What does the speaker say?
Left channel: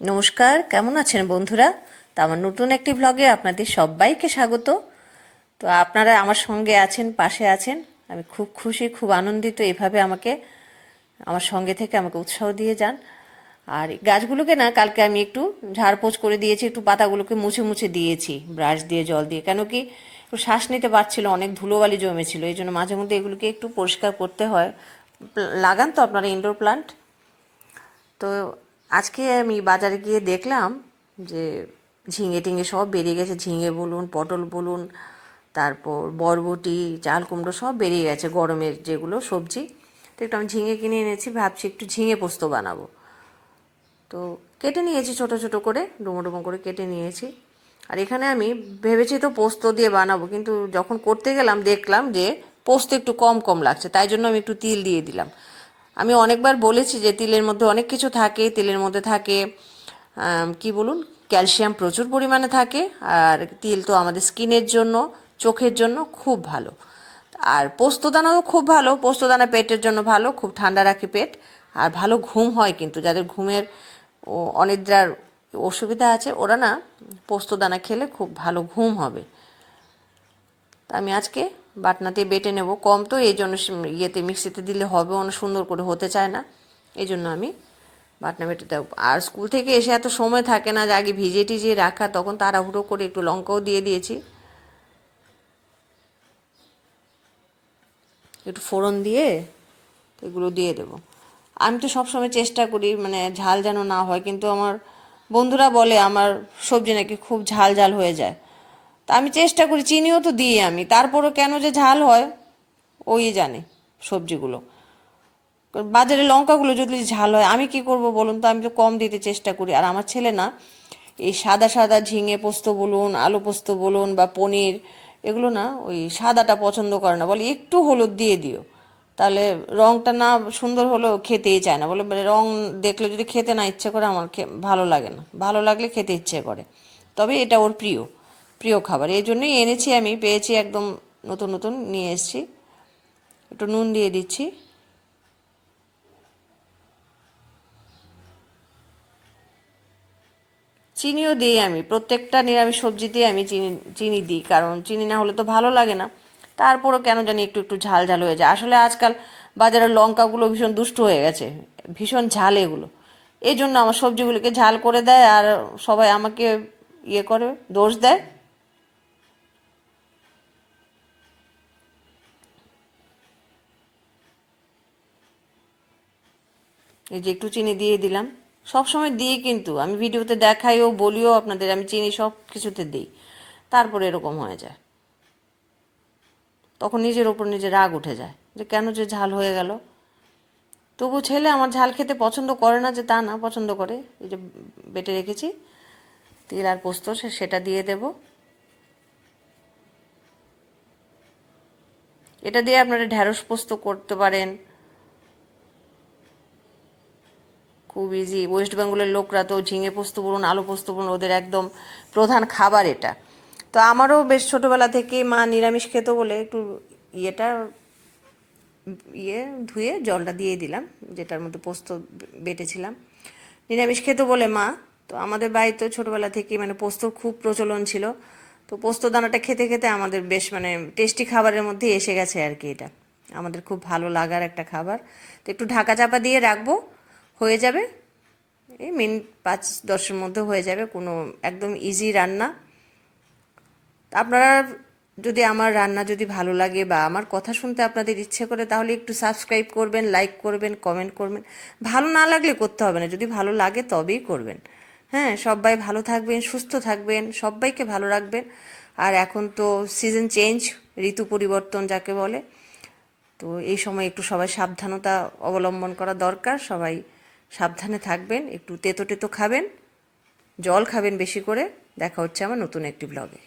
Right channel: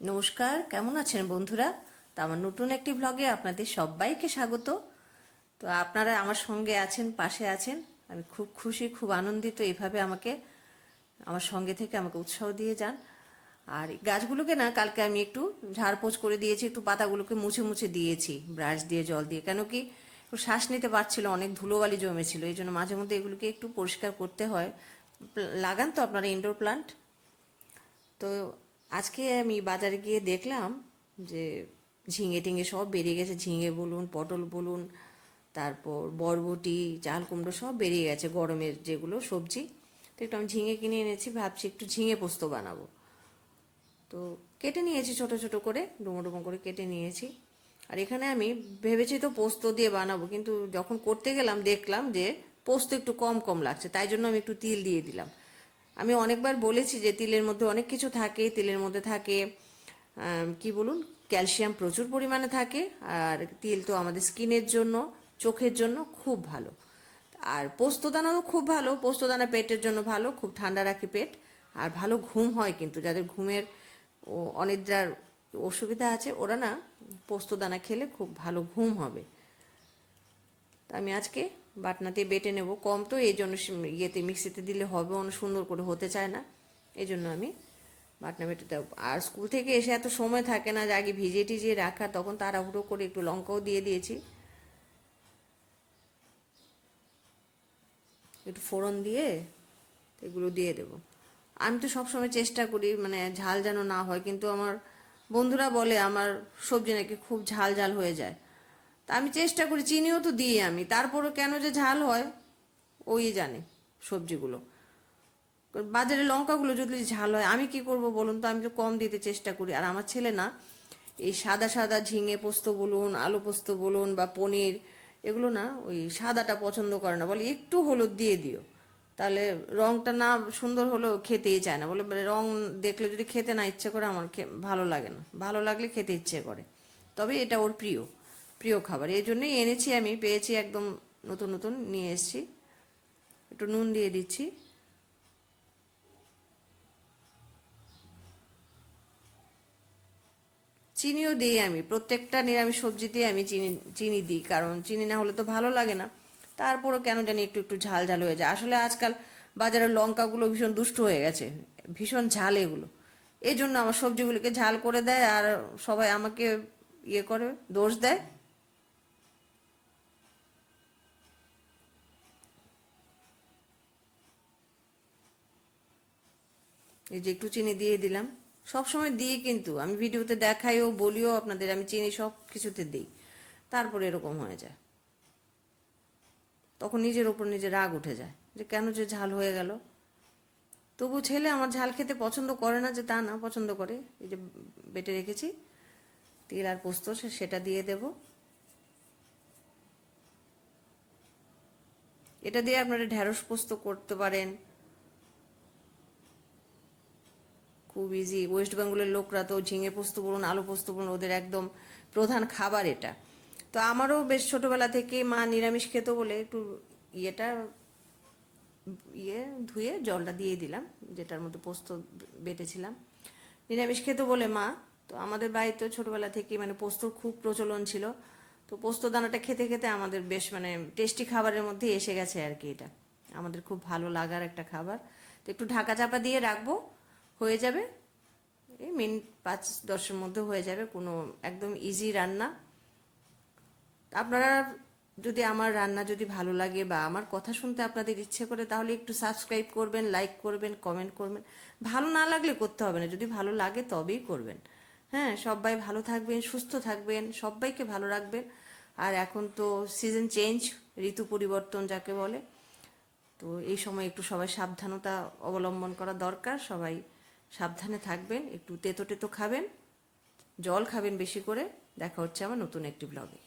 নমস্কার, কেমন আছেন বন্ধুরা? তো আমার নতুন একটি ব্লগে আপনাদের সবাইকে স্বাগত। তো আপনারা আমার সঙ্গে আছেন, পাশে আছেন, আমি খুব খুশি, খুব আনন্দিত। এভাবে আমার সঙ্গে থেকে আমাকে উৎসাহ দিয়ে যান। আর এই গাছগুলোকে না কালকে আমি একটু ঝাড়পোছ করে দিয়েছি, একটু পাতাগুলোকে মুছে মুছে দিয়েছি ব্রাশ দিয়ে, জল দিয়ে। কেন কি একটু শ্বাস নিতে পারছিল, অনেক ধুলোবালি জমেছিল, এই জন্য মাঝে মধ্যে এগুলোকে একটু পরিষ্কার করতে হয়। লাগান তো আপনারা ইনডোর প্লান্ট? তো আজকে আমি বাজারে গিয়ে দেখলাম যে ঝিঙে টিঙে সব বেরিয়ে গেছে। ঝিঙে বলুন, পটল বলুন, তারপর বরবটি, চাল কুমড়ো সব বেরিয়ে গেছে, গরমের যেগুলো সবজি। তো একটু আমি ঝিঙে কিনে এনেছি, ভাবছি একটু ঝিঙে পোস্ত বানাবো। তো কেটে নিয়েছি ছোট ছোট করে, ডুমো ডুমো করে কেটে নিয়েছি। আর এখানে আমি ভেবেছি তো পোস্ত দিয়ে বানাবো, কিন্তু যখন করতে গেলাম দেখলাম যে পোস্ত একটু কম কম লাগছে, তাই জন্য আমি একটু তিল দিয়ে দিলাম। আমি অনেকবার বলেছি যে তিলের মধ্যে অনেক কিছু থাকে, তিলের মধ্যে থাকে কি বলুন, ক্যালসিয়াম প্রচুর পরিমাণে থাকে। আর তিল তো আমাদের স্কিনের জন্য, চোখের জন্য খুব ভালো। আর পোস্তদানাও খুব ভালো, পোস্তদানা পেটের জন্য ভালো, খুব ঠান্ডা রাখে পেট। আর ভালো ঘুম হয়, কিন্তু যাদের ঘুমের অনিদ্রার অসুবিধা আছে ওরা না পোস্তদানা খেলে খুব ভালো ঘুম হবে। তা আমি আজকে বাটনাতে বেটে নেব, কম তো এই জন্য ইয়েতে মিক্সিতে দিলে হবে অনেক সুন্দর করে হতে চায় না, এই জন্য আমি বাটনা বেটে দেবো। আর স্কুল থেকে এসে এত সময় থাকে না যে আগে ভিজিয়ে টিজিয়ে রাখা, তখন তাড়াহুড়ো করে একটু লঙ্কাও দিয়ে দিয়েছি, একটু ফোড়ন দিয়ে এগুলো দিয়ে দেবো। আমি তো সবসময় চেষ্টা করি মানে ঝাল যেন না হয়, কিন্তু আমার বন্ধুরা বলে আমার সবজি নাকি খুব ঝাল ঝাল হয়ে যায়। তা আমি চেষ্টা করি, চিনিও তো দিই আমি, তারপরও কেন যে ঝাল হয় ওই জানে সবজিগুলো। বাজারে লঙ্কাগুলো যদি ঝাল হয় আমি কি করব বলুন তো? আমি তো কম দিতে চেষ্টা করি। আর আমার ছেলে না এই সাদা সাদা ঝিঙে পোস্ত বলুন, আলু পোস্ত বলুন বা পনির, এগুলো না ওই সাদাটা পছন্দ করে না, বলে একটু হলুদ দিয়ে দিও, তাহলে রঙটা না সুন্দর হলেও খেতেই চায় না। বলে রং দেখলে যদি খেতে না ইচ্ছে করে, আমার ভালো লাগে না, ভালো লাগলে খেতে ইচ্ছে করে। তবে এটা ওর প্রিয় প্রিয় খাবার, এই জন্যই এনেছি, আমি পেয়েছি একদম নতুন নতুন নিয়ে এসেছি। একটু নুন দিয়ে দিচ্ছি, চিনিও দিই। আমি প্রত্যেকটা নিরামিষ সবজিতেই আমি চিনি চিনি দিই, কারণ চিনি না হলে তো ভালো লাগে না। তারপরও কেন জানি একটু একটু ঝাল ঝাল হয়ে যায়। আসলে আজকাল বাজারের লঙ্কাগুলো ভীষণ দুষ্টু হয়ে গেছে, ভীষণ ঝাল এগুলো। এই জন্য আমার সবজিগুলোকে ঝাল করে দেয়, আর সবাই আমাকে ইয়ে করে, দোষ দেয়। এই যে একটু চিনি দিয়ে দিলাম, সব সময় দিই, কিন্তু আমি ভিডিওতে দেখাইও বলিও আপনাদের আমি চিনি সব কিছুতে দিই, তারপরে এরকম হয়ে যায়। তখন নিজের ওপর নিজে রাগ উঠে যায় যে কেন যে ঝাল হয়ে গেল। তবু ছেলে আমার ঝাল খেতে পছন্দ করে না, যে তা না, পছন্দ করে। এই যে বেটে রেখেছি তিল আর পোস্ত, সেটা দিয়ে দেব। এটা দিয়ে আপনারা ঢ্যাঁড়স পোস্ত করতে পারেন, খুব ইজি। ওয়েস্ট বেঙ্গলের লোকরা তো ঝিঙে পোস্ত বলুন, আলু পোস্ত বলুন, ওদের একদম প্রধান খাবার এটা। তো আমারও বেশ ছোটোবেলা থেকে মা নিরামিষ খেত বলে একটু ইয়েটা ধুয়ে জলটা দিয়ে দিলাম, যেটার মধ্যে পোস্ত বেটেছিলাম। নিরামিষ খেত বলে মা, তো আমাদের বাড়িতে ছোটোবেলা থেকে মানে পোস্তর খুব প্রচলন ছিল। তো পোস্ত দানাটা খেতে খেতে আমাদের বেশ মানে টেস্টি খাবারের মধ্যে এসে গেছে আর কি, এটা আমাদের খুব ভালো লাগার একটা খাবার। তো একটু ঢাকা চাপা দিয়ে রাখবো, হয়ে যাবে এই মিনিট 5-10-এর মধ্যে হয়ে যাবে। কোনো একদম ইজি রান্না। আপনারা যদি আমার রান্না যদি ভালো লাগে বা আমার কথা শুনতে আপনাদের ইচ্ছে করে, তাহলে একটু সাবস্ক্রাইব করবেন, লাইক করবেন, কমেন্ট করবেন। ভালো না লাগলে করতে হবে না, যদি ভালো লাগে তবেই করবেন। হ্যাঁ, সবাই ভালো থাকবেন, সুস্থ থাকবেন, সবাইকে ভালো রাখবেন। আর এখন তো সিজন চেঞ্জ, ঋতু পরিবর্তন যাকে বলে, তো এই সময় একটু সবাই সাবধানতা অবলম্বন করা দরকার। সবাই সাবধানে থাকবেন, একটু তেতো টেতো খাবেন, জল খাবেন বেশি করে। দেখা হচ্ছে আমার নতুন একটি ব্লগে।